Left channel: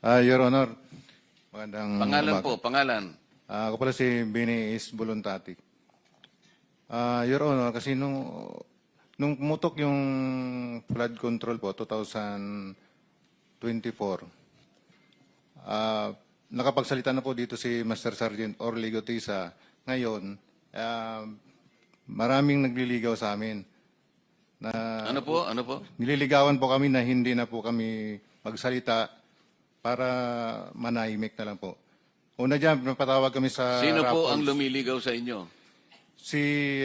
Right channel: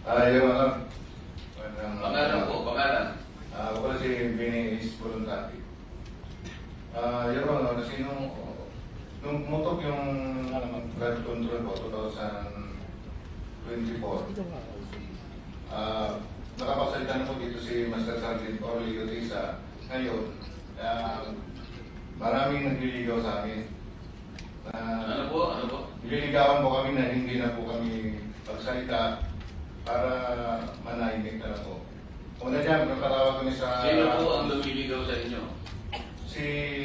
Your Honor, magandang Pangalan po, pangalan. Ako pala si Bini is Voluntati. Your Honor, kasi nung mutok yung flood control po, 2024, nakapagsalita na po dito si Master Sergeant Orly Gutesa. Ngayon, maraming nagliligaw sa amin. Ano po? Nililigawan po kami na hindi na po kami magsalita para manahimik na lang po. Una dyan, mapatawag kami sa... Sino po ang lumiligaw sa inyo? Si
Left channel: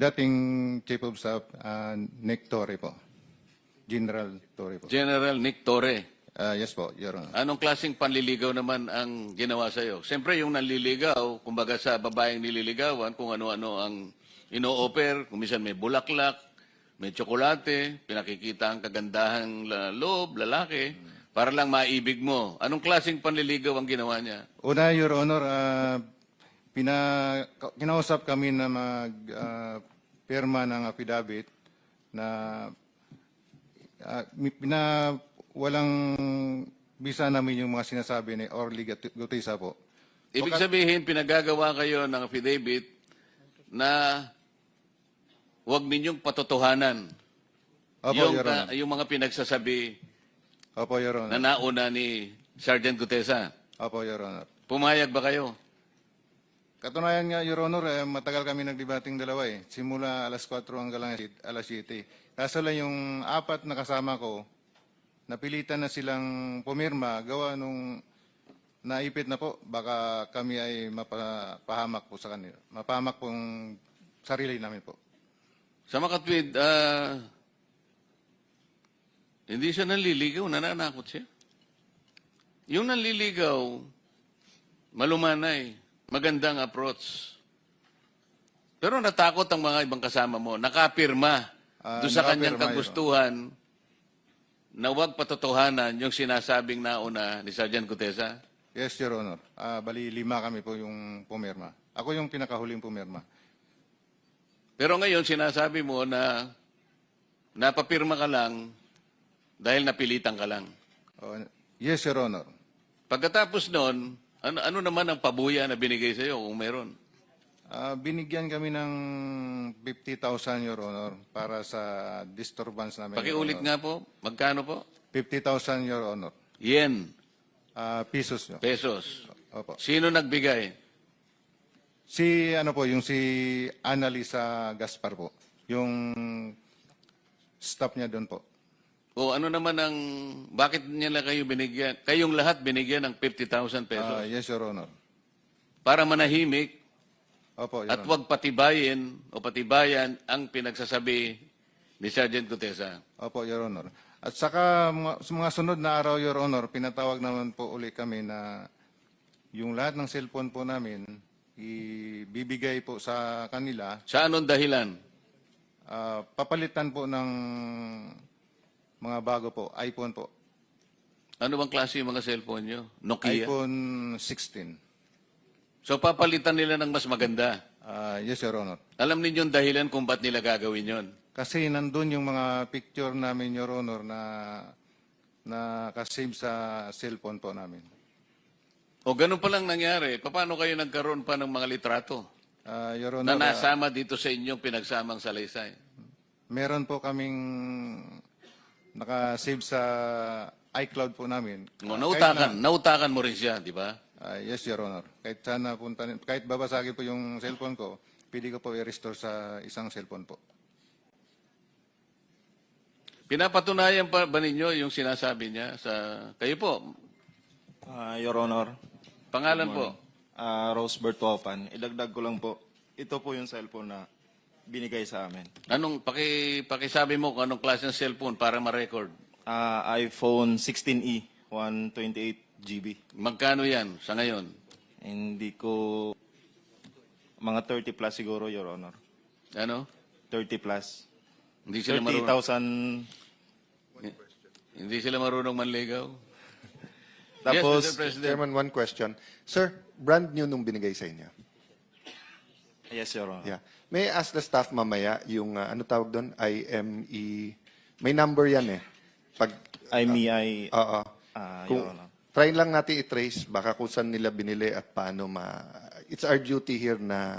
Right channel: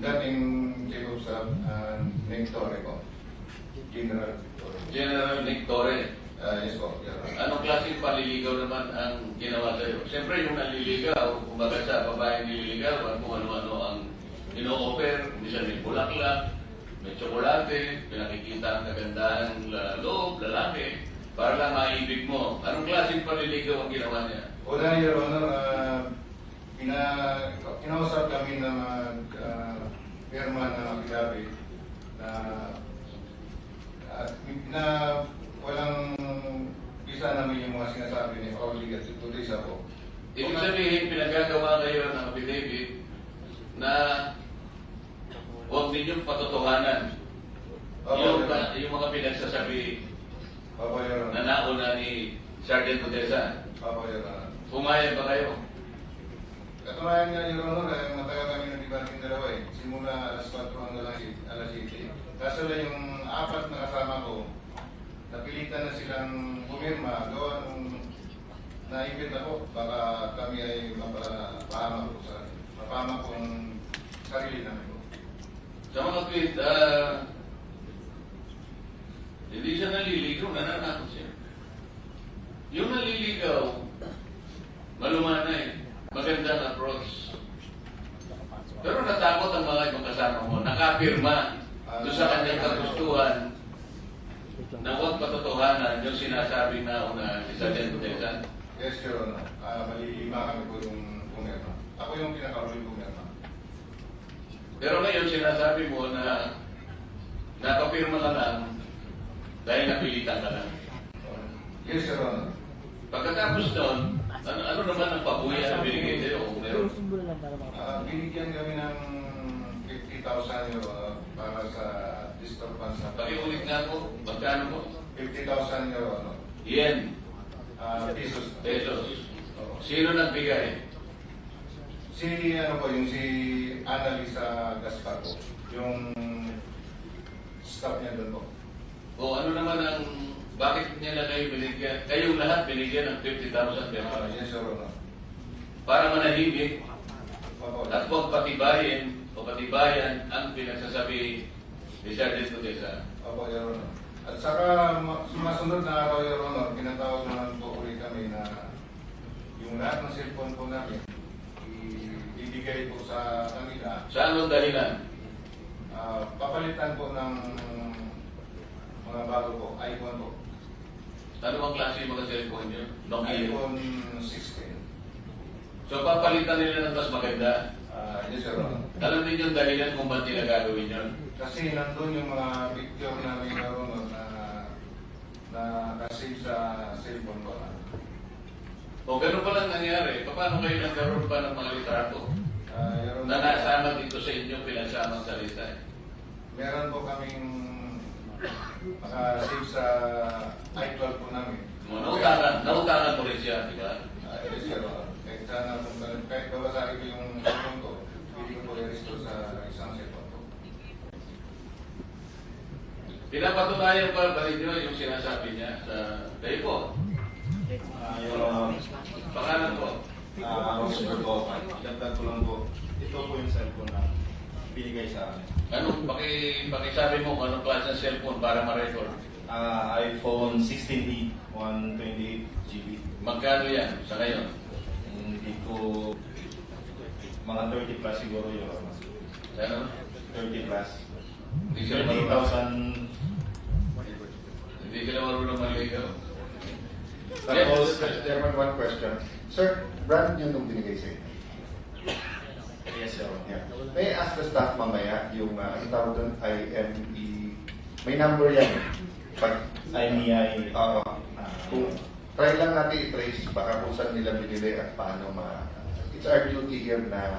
dating Chief of Staff, Nick Torre po. General Torre. General Nick Torre. Yes po, Your Honor. Anong klaseng panliligaw naman ang ginawa sa iyo? Siyempre yung nanliligaw, kumbaga sa babaeng nililigaw at kung ano-ano ang ino-offer, minsan may bulaklak, may tsokolate, pinakikita ang kagandahan ng loob, lalaki, para lang maibig mo. Anong klaseng panliligaw ang ginawa niya? Una, Your Honor, kinausap kami na pirma ng affidavit na walang bisa namin yung mga sinasabi ni Orly Gutesa po. Ibig sabihin, pinagagawa kayo ng affidavit na huwag ninyong patotohanan. Opo, Yung, Your Honor. yung mga pinagsasabi Opo, Your na Honor. nauna ni Sergeant Gutesa. Opo, Your Honor. Pumayag ba kayo? Katunayan nga, Your Honor, matagal kami nagdebating dalawa eh. Simula alas 4 hanggang alas 7. Kaso lang yung apat na kasama ko, napilitan na silang pumirma, gawa nung naipit na po. Baka kami ay mapahamak po sa kanila. Mapahamak po ng sarili namin po. Sa makatwid, hindi siya naliligaw, nananakot siya. Yung naliligaw, malumanay, magandang approach. Pero natakot ang mga ibang kasama mo, nakapirma doon sa kanyang kagustuhan na huwag patotohanan yung sinasabing nauna ni Sergeant Gutesa. Yes, Your Honor. Bali, 5 kami po yung pumirma. Ako yung pinakahuling pumirma. Pero ngayon sinasabi mo na napapirma ka lang dahil napilitan ka lang. Yes, Your Honor. Pagkatapos noon, ano naman ang pabuya na binigay sa iyo kung meron? Binigyan kami ng 50,000, Your Honor, para sa disturbance namin. Pakiulit nga po, magkano po? 50,000, Your Honor. Yen, Pesos. No? pesos. Opo. Sino nagbigay? Si Annalisa Gaspar po. Yung staff niya doon po. O ano naman ang, bakit niya na kayo binigyan? Kayong lahat binigyan ng 50,000 pesos Yes, Your Honor. para manahimik Opo. at huwag patibayin o patibayan ang pinagsasabi ni Sergeant Gutesa. Opo, Your Honor. At saka sa mga sunod na araw, Your Honor, pinatawag naman po ulit kami na yung lahat ng cellphone po namin ibibigay po sa kanila. Sa anong dahilan? Papalitan po ng mga bago po, iPhone po. Ano bang klase yung mga cellphone nyo? Nokia? iPhone 16. So papalitan nila ng mas maganda. Yes, Your Honor. Alam ninyo ang dahilan kung ba't nila gagawin yun? Kasi nandun yung mga picture namin, Your Honor, na nakasave sa cellphone po namin. O ganun pa lang nangyari, paano kayo nagkaroon pa ng mga litrato Your na Honor, nasama dito sa inyong pinagsamang salaysay? meron po kaming nakasave sa iCloud po namin. Nautakan mo rin siya, di ba? Yes, Your Honor. Kahit sana punta, kahit babasagin ko yung cellphone ko, pwede ko po i-restore sa isang cellphone po. Pinapatunayan pa ba ninyo yung sinasabi niya sa kayo po? Your Honor, Pangalan po? Roseburg Gopan. Dagdag ko lang po. Ito po yung cellphone na binigay sa amin. Anong pakisabi mo kung anong klase ng cellphone para ma-record? iPhone 16e, 128 GB. Magkano yan sa ngayon? Hindi ko... Mga 30 plus siguro, Your Honor. Ano? 30 plus. Hindi sila marunong, 30,000. hindi sila marunong manligaw. Tapos, Yes, Mr. President. Chairman, one question. Sir, brand new nung binigay sa inyo. yes, Your Honor. Yeah. May I ask the staff mamaya yung ano tawag doon, IME. May number yan eh. Pag, IMEI oo. Kung try lang natin i-trace baka kung saan nila binili at paano it's our duty here na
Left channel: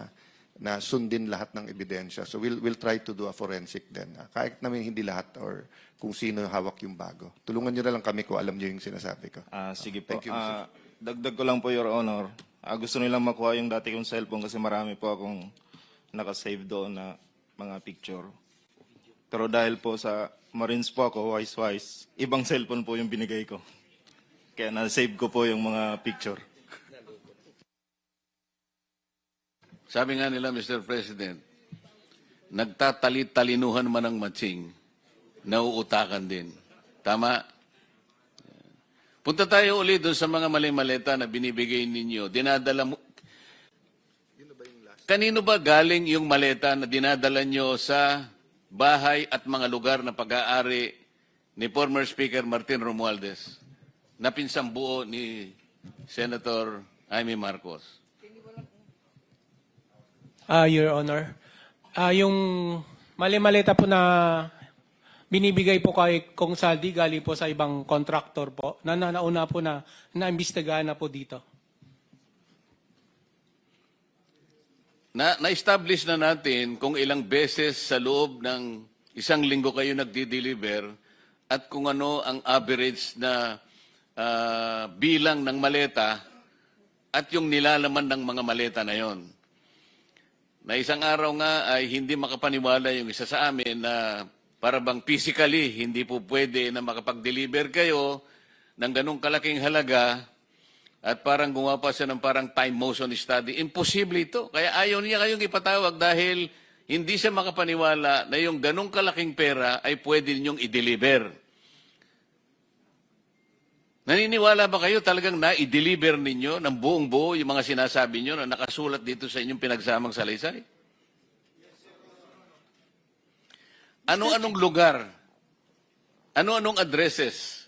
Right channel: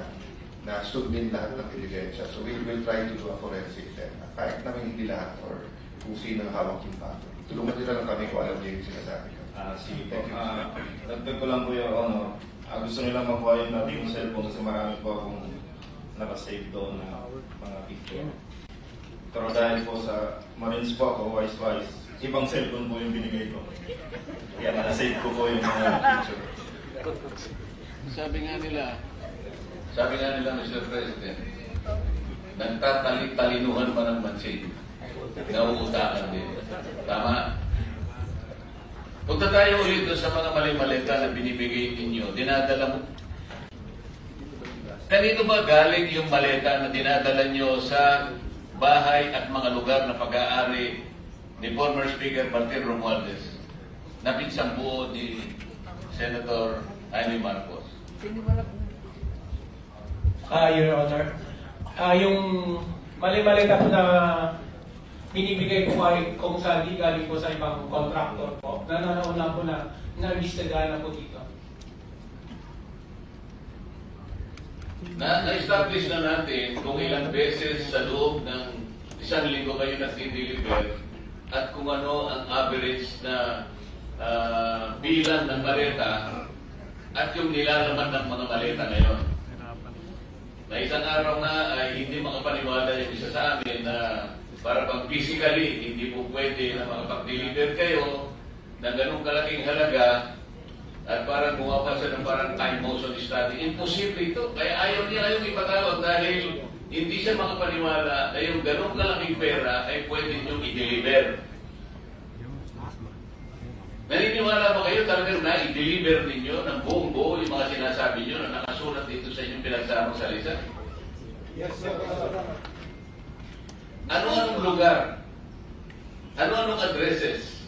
sundin lahat ng ebidensya. So we'll try to do a forensic then. Kahit namin hindi lahat or kung sino hawak yung bago. Tulungan niyo na lang kami kung alam niyo yung sinasabi ko. Sige po. Thank you. Dagdag ko lang po, Your Honor. Gusto nilang makuha yung dati yung cellphone kasi marami po akong nakasave doon na mga picture. Pero dahil po sa Marines po ako, wise, ibang cellphone po yung binigay ko. Kaya na-save ko po yung mga picture. Sabi nga nila, Mr. President, nagtatali-talinuhan man ang matching, nauutakan din. Tama? Punta tayo ulit doon sa mga mali-maleta na binibigay ninyo. Dinadala mo. Kanino ba galing yung maleta na dinadala nyo sa bahay at mga lugar na pag-aari ni former Speaker Martin Romualdez na pinsang buo ni Senator Amy Marcos? Your Honor, yung mali-maleta po na binibigay po kay Kong Saldi galing po sa ibang contractor po na nauna po na naimbestigahan na po dito. Na-establish na natin kung ilang beses sa loob ng isang linggo kayo nagdi-deliver at kung ano ang average na bilang ng maleta at yung nilalaman ng mga maleta na yon. Na isang araw nga ay hindi makapaniwala yung isa sa amin na para bang physically hindi po pwede na makapag-deliver kayo ng ganong kalaking halaga at parang gumawa pa siya ng parang time motion study. Imposible ito. Kaya ayaw niya kayong ipatawag dahil hindi siya makapaniwala na yung ganong kalaking pera ay pwede ninyong i-deliver. Naniniwala ba kayo talagang na-i-deliver ninyo ng buong buo yung mga sinasabi nyo na nakasulat dito sa inyong pinagsamang salaysay? Ano-anong lugar? Ano-anong addresses?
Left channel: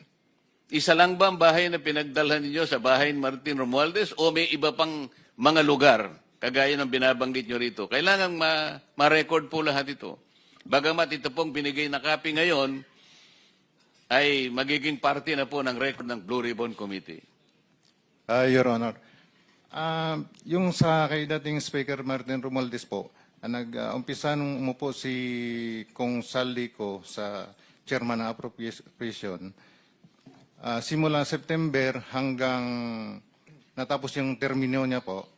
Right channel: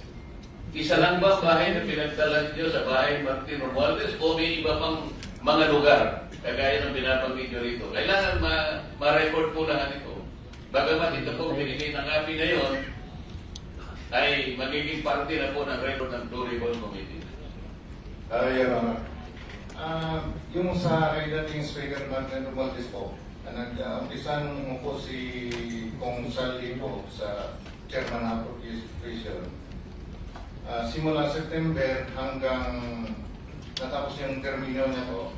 Isa lang ba ang bahay na pinagdala ninyo sa bahay ni Martin Romualdez o may iba pang mga lugar kagaya ng binabanggit nyo rito? Kailangan ma-record po lahat ito. Bagamat ito pong binigay na copy ngayon ay magiging parte na po ng record ng Blue Ribbon Committee. Your Honor, yung sa kay dating Speaker Martin Romualdez po, nag-umpisa nung umupo si Kong Saldi po sa Chairman ng Appropriation, simula September hanggang natapos yung termino niya po,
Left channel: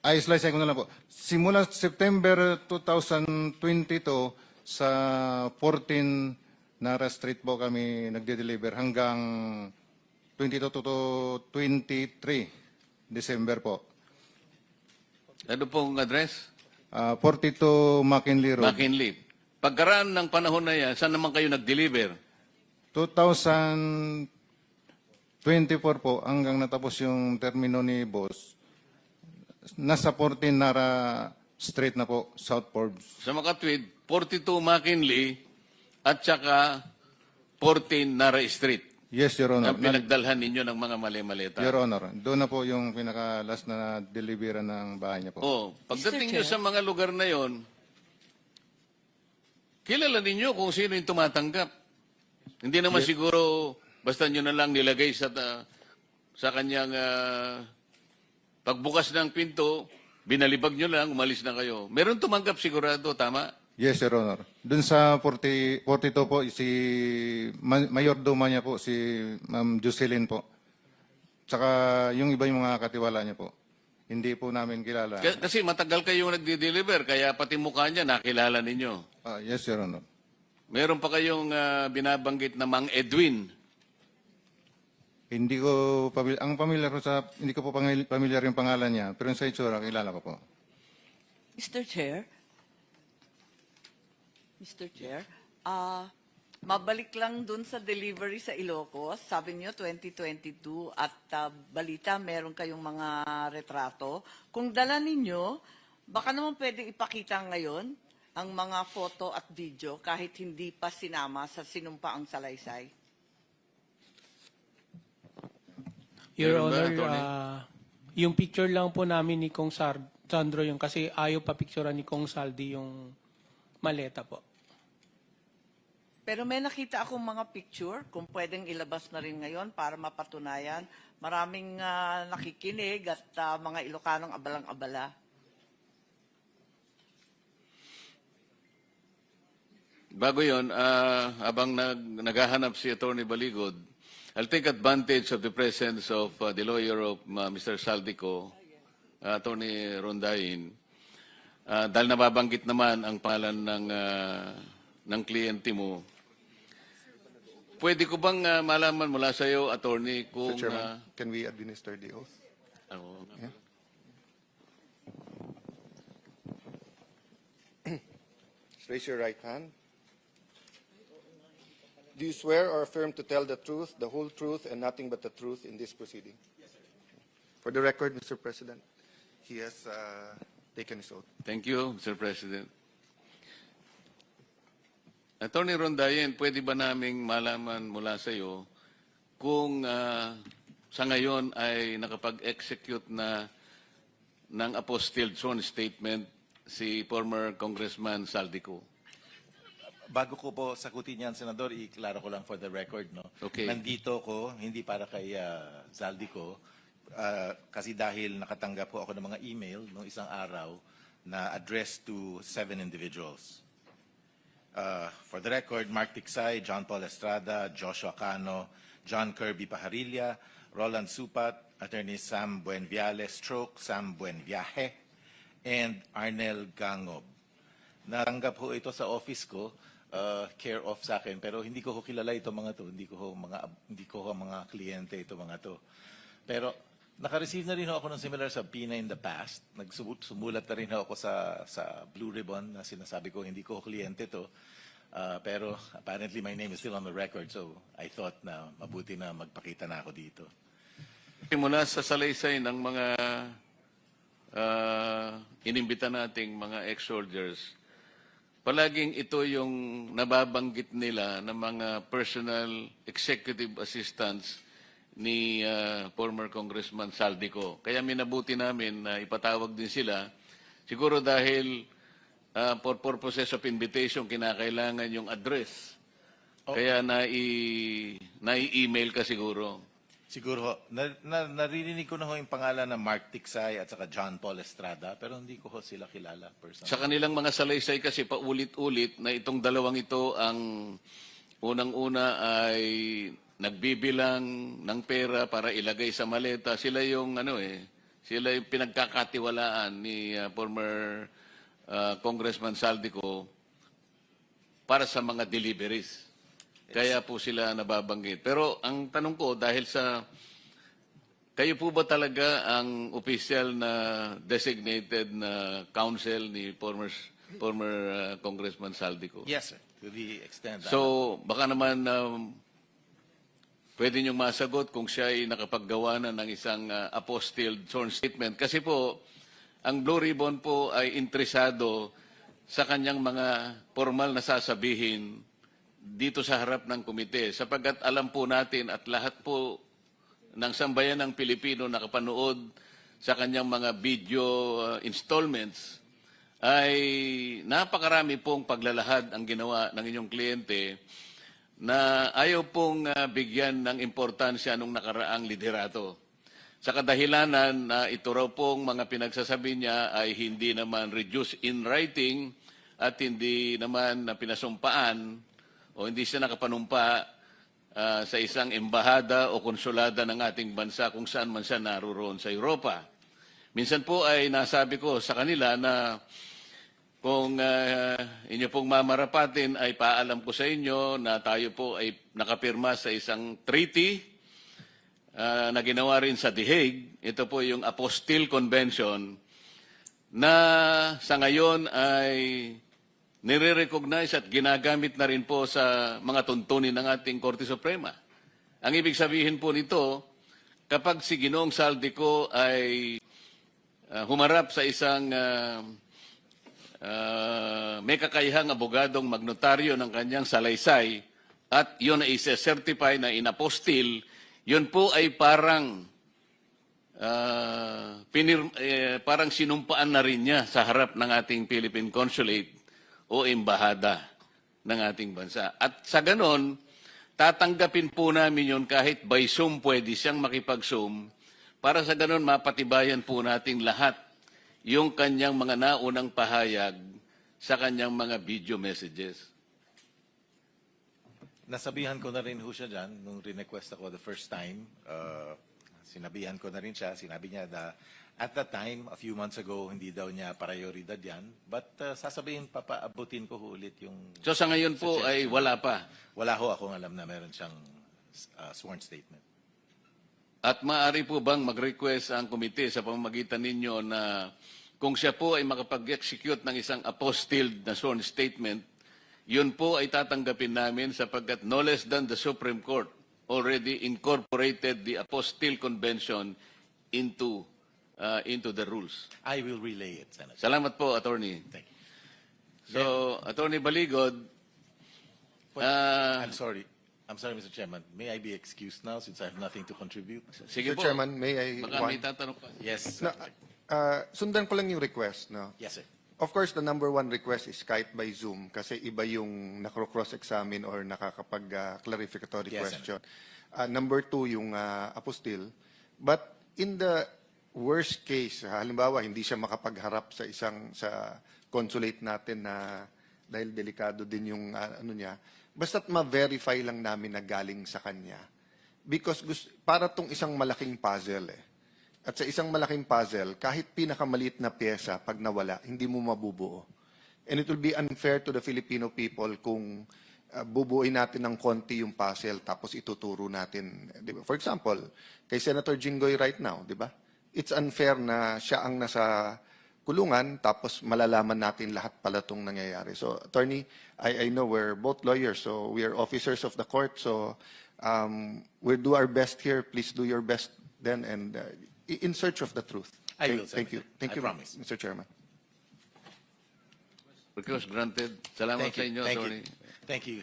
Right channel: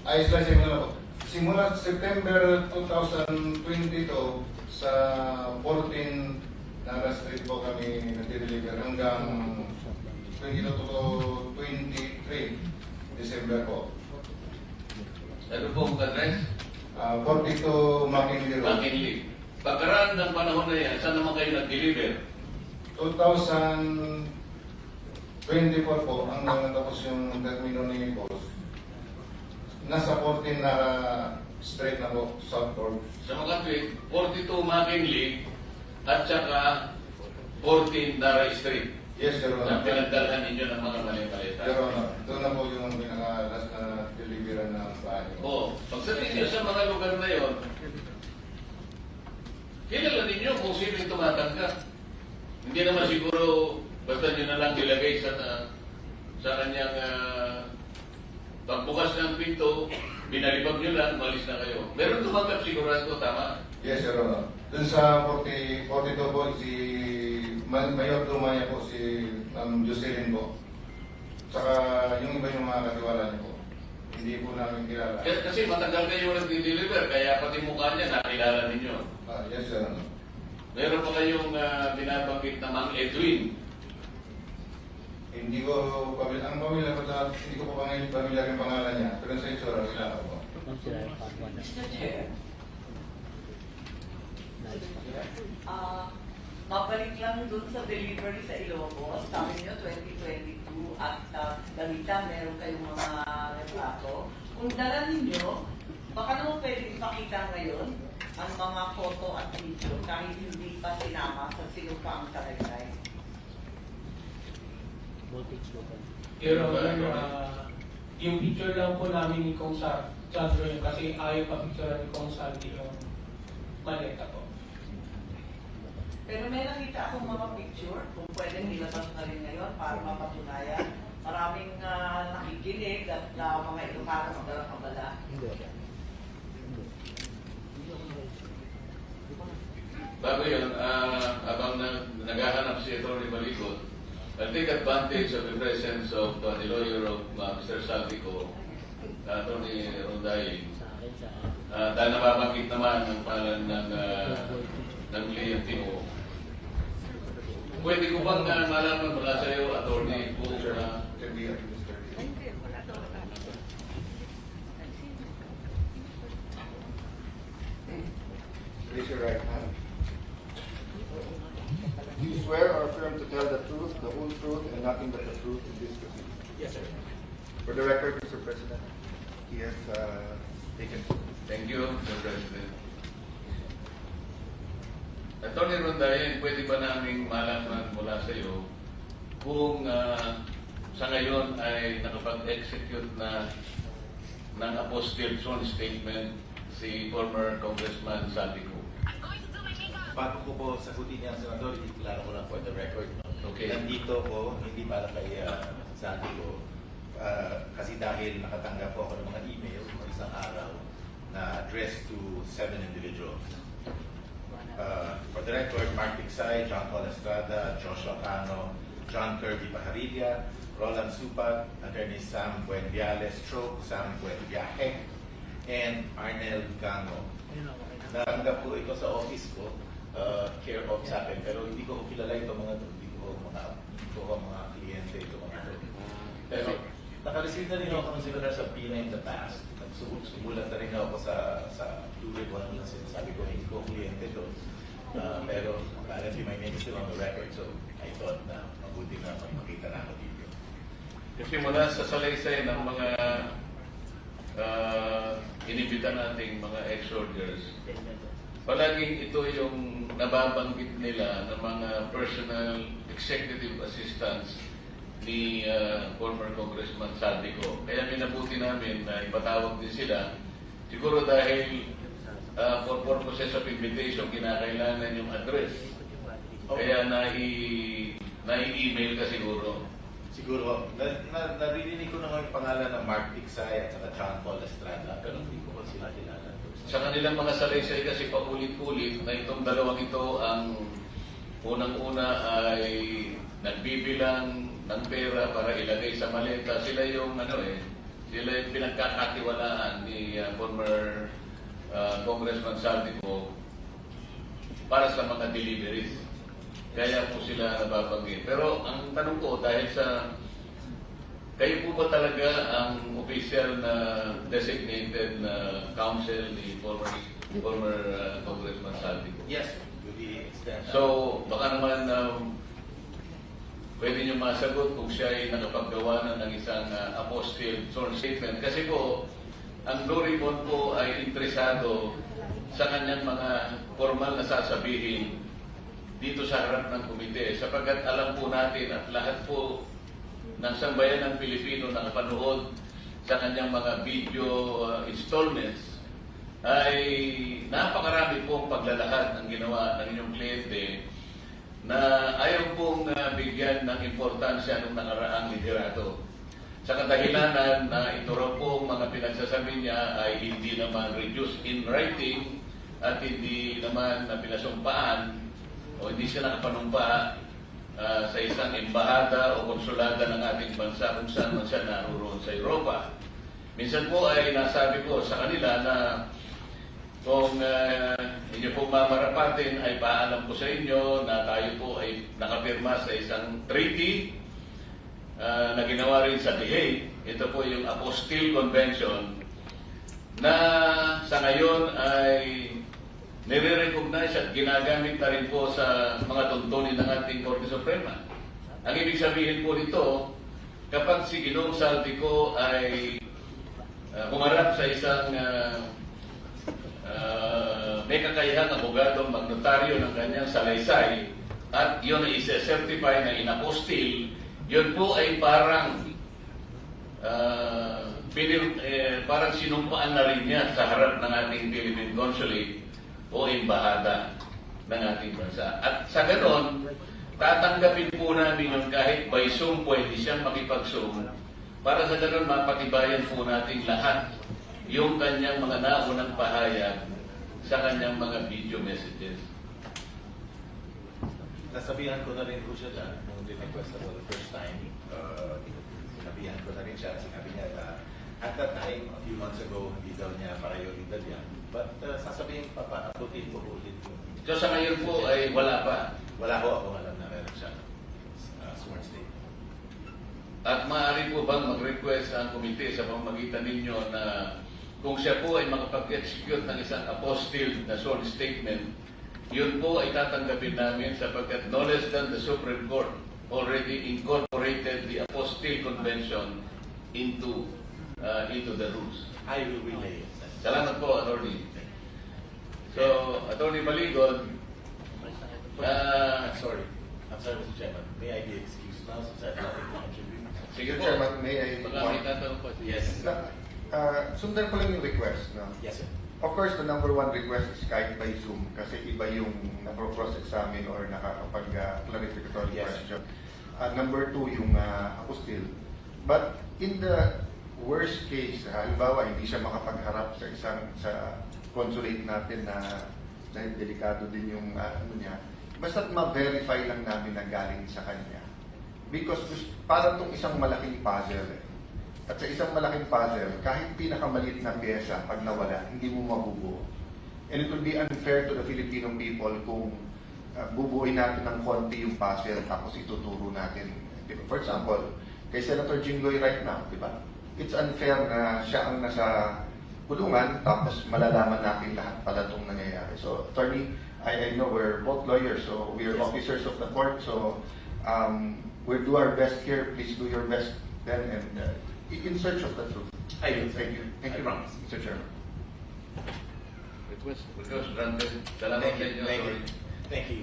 slice ko na lang po. Simula September 2022 sa 14 Nara Street po kami nagde-deliver hanggang 22 to 23 December po. Ano po ang address? 42 McKinley Road. McKinley. Pagkaraan ng panahon na yan, saan naman kayo nag-deliver? 2024 po hanggang natapos yung termino ni Boss. Nasa 14 Nara Street na po, South Forbes. Sa makatwid, 42 McKinley at saka 14 Nara Street Yes, Your Honor. na pinagdalhan ninyo ng mga mali-maleta. Your Honor, doon na po yung pinaka-last na delivery ng bahay niyo po. Oo. Pagdating nyo sa mga lugar na yon, kilala ninyo kung sino yung tumatanggap. Hindi naman siguro basta nyo na lang nilagay sa kanyang pagbukas ng pinto, binalibag nyo lang, umalis na kayo. Meron tumanggap sigurado, tama? Yes, Your Honor. Doon sa 42 po, si Mayordomo niya po, si Ma'am Jocelyn po. Tsaka yung iba yung mga katiwala niya po. Hindi po namin kilala. Kasi matagal kayo nag-deliver, kaya pati mukha niya nakilala ninyo. Yes, Your Honor. Meron pa kayong binabanggit na Mang Edwin. Hindi ko hindi ko po pamilyar yung pangalan niya, pero sa itsura kilala ko po. Mr. Chair, mabalik lang dun sa delivery sa Ilocos. Sabi niyo 2022 at balita meron kayong mga retrato. Kung dala ninyo, baka naman pwedeng ipakita ngayon ang mga photo at video kahit hindi pa sinama sa sinumpaang salaysay. Your Honor, yung picture lang po namin ni Kong Sandro yung kasi ayaw pa picturean ni Kong Saldi yung maleta po. Pero may nakita akong mga picture, kung pwedeng ilabas na rin ngayon para mapatunayan. Maraming nakikinig at mga Ilocanong abalang-abala. Bago yun, habang naghahanap si Atty. Baligot, I'll take advantage of the presence of the lawyer of Mr. Saltico, Atty. Rondain. Dahil nababanggit naman ang pangalan ng kliyente mo, pwede ko bang malaman mula sa iyo, attorney, kung Mr. Chairman, can we administer the oath? Raise your right hand. Do you swear or affirm to tell the truth, the whole truth, and nothing but the truth in this proceeding? Yes, sir. For the record, Mr. President, he has taken his oath. Thank you, Mr. President. Attorney Rondain, pwede ba naming malaman mula sa iyo kung sa ngayon ay nakapag-execute na ng apostille sworn statement si former Congressman Saldico? Bago ko po sagutin yan, Senador, iklaro ko lang for the record. No? Okay. Nandito ko, hindi para kay Saldico, kasi dahil nakatanggap po ako ng mga email noong isang araw na addressed to 7 individuals. For the record, Mark Iksay, John Paul Estrada, Joshua Cano, John Kirby Pajarilla, Roland Supat, Attorney Sam Buenviales Stroke, Sam Buenviaje, and Arnel Gango. Natanggap po ito sa office ko, care of sa akin, pero hindi ko kilala ito mga to, hindi ko mga kliyente ito mga to. Pero naka-receive na rin ako ng similar sa PINA in the past. Sumulat na rin ako sa Blue Ribbon na sinasabi ko, hindi ko kliyente to. Pero apparently my name is still on the record, so I thought na mabuti na magpakita na ako dito. Kasi mula sa salaysay ng mga inimbita nating mga ex-soldiers, palaging ito yung nababanggit nila ng mga personal executive assistants ni former Congressman Saldico. Kaya minabuti namin na ipatawag din sila. Siguro dahil for purposes of invitation, kinakailangan yung address. Kaya nai-email ka siguro. Siguro, naririnig ko na yung pangalan ng Mark Tiksay at saka John Paul Estrada, pero hindi ko sila kilala personally. Sa kanilang mga salaysay kasi paulit-ulit na itong dalawang ito ang unang-una ay nagbibilang ng pera para ilagay sa maleta. Sila yung sila yung pinagkakatiwalaan ni former Congressman Saldico para sa mga deliveries. Kaya po sila nababanggit. Pero ang tanong ko, dahil sa kayo po ba talaga ang official na designated na counsel ni former Congressman Saldico? Yes, to the extent. So, baka naman pwede nyo masagot kung siya ay nakapaggawa na ng isang apostille sworn statement. Kasi po, ang Blue Ribbon po ay interesado sa kanyang mga formal na sasabihin dito sa harap ng komite. Sapagkat alam po natin at lahat po ng sambayan ng Pilipino nakapanood sa kanyang mga video installments ay napakarami pong paglalahad ang ginawa ng inyong kliyente na ayaw pong bigyan ng importansya ng nakaraang liderato. Sa kadahilanan na ito raw pong mga pinagsasabi niya ay hindi naman reduced in writing at hindi naman pinasumpaan o hindi siya nakapanumpa sa isang embahada o konsulada ng ating bansa kung saan man siya naroon sa Europa. Minsan po ay nasabi ko sa kanila na kung inyo pong mamarapatin ay paalam ko sa inyo na tayo po ay nakapirma sa isang treaty na ginawa rin sa The Hague. Ito po yung Apostille Convention na sa ngayon ay nire-recognize at ginagamit na rin po sa mga tuntunin ng ating Korte Suprema. Ang ibig sabihin po nito, kapag si Ginoong Saldico ay humarap sa isang may kakayahang abogadong magnotaryo ng kanyang salaysay at yun ay isa-certify na inapostil, yun po ay parang parang sinumpaan na rin niya sa harap ng ating Philippine Consulate o embahada ng ating bansa. At sa ganon, tatanggapin po namin yun kahit by Zoom pwede siyang makipag-Zoom para sa ganon mapatibayan po natin lahat yung kanyang mga naunang pahayag sa kanyang mga video messages. Nasabihan ko na rin po siya dyan nung request ako the first time. Sinabihan ko na rin siya, sinabi niya na at that time, a few months ago, hindi daw niya prioridad yan. But sasabihin, papaabutin ko ulit yung... So sa ngayon po ay wala pa. Wala ko akong alam na meron siyang sworn statement. At maaari po bang mag-request ang komite sa pamamagitan ninyo na kung siya po ay makapag-execute ng isang apostille na sworn statement, yun po ay tatanggapin namin sapagkat no less than the Supreme Court already incorporated the apostille convention into the rules. I will relay it. Salamat po, Attorney. So, Attorney Baligod, I'm sorry, Mr. Chairman. May I be excused now since I have nothing to contribute? sige Mr. po. Chairman, may I... Baka may tatanong po. Yes. Sundan ko lang yung request. No? Yes, sir. Of course, the number one request is Skype by Zoom kasi iba yung nakro-cross-examine or nakakapag-clarificatory Yes, sir. question. Number two, yung apostille. But in the worst case, halimbawa, hindi siya makapagharap sa consulate natin na dahil delikado din yung ano niya, basta't ma-verify lang namin na galing sa kanya. Because para tong isang malaking puzzle eh. At sa isang malaking puzzle, kahit pinakamaliit na pyesa, pag nawala, hindi mo mabubuo. And it will be unfair to the Filipino people kung bubuuin natin ng konti yung puzzle tapos ituturo natin. Diba? For example, kay Senator Jinggoy right now, di ba? It's unfair na siya ang nasa kulungan tapos malalaman natin lahat pala itong nangyayari. So, attorney, I know we're both lawyers, so we are officers of the court, so we'll do our best here. Please do your best then and in search of the truth. I will, sir. Thank you. Thank I you, promise. Mr. Chairman. Request granted. Salamat sa inyo, Thank sorry. you. Thank you.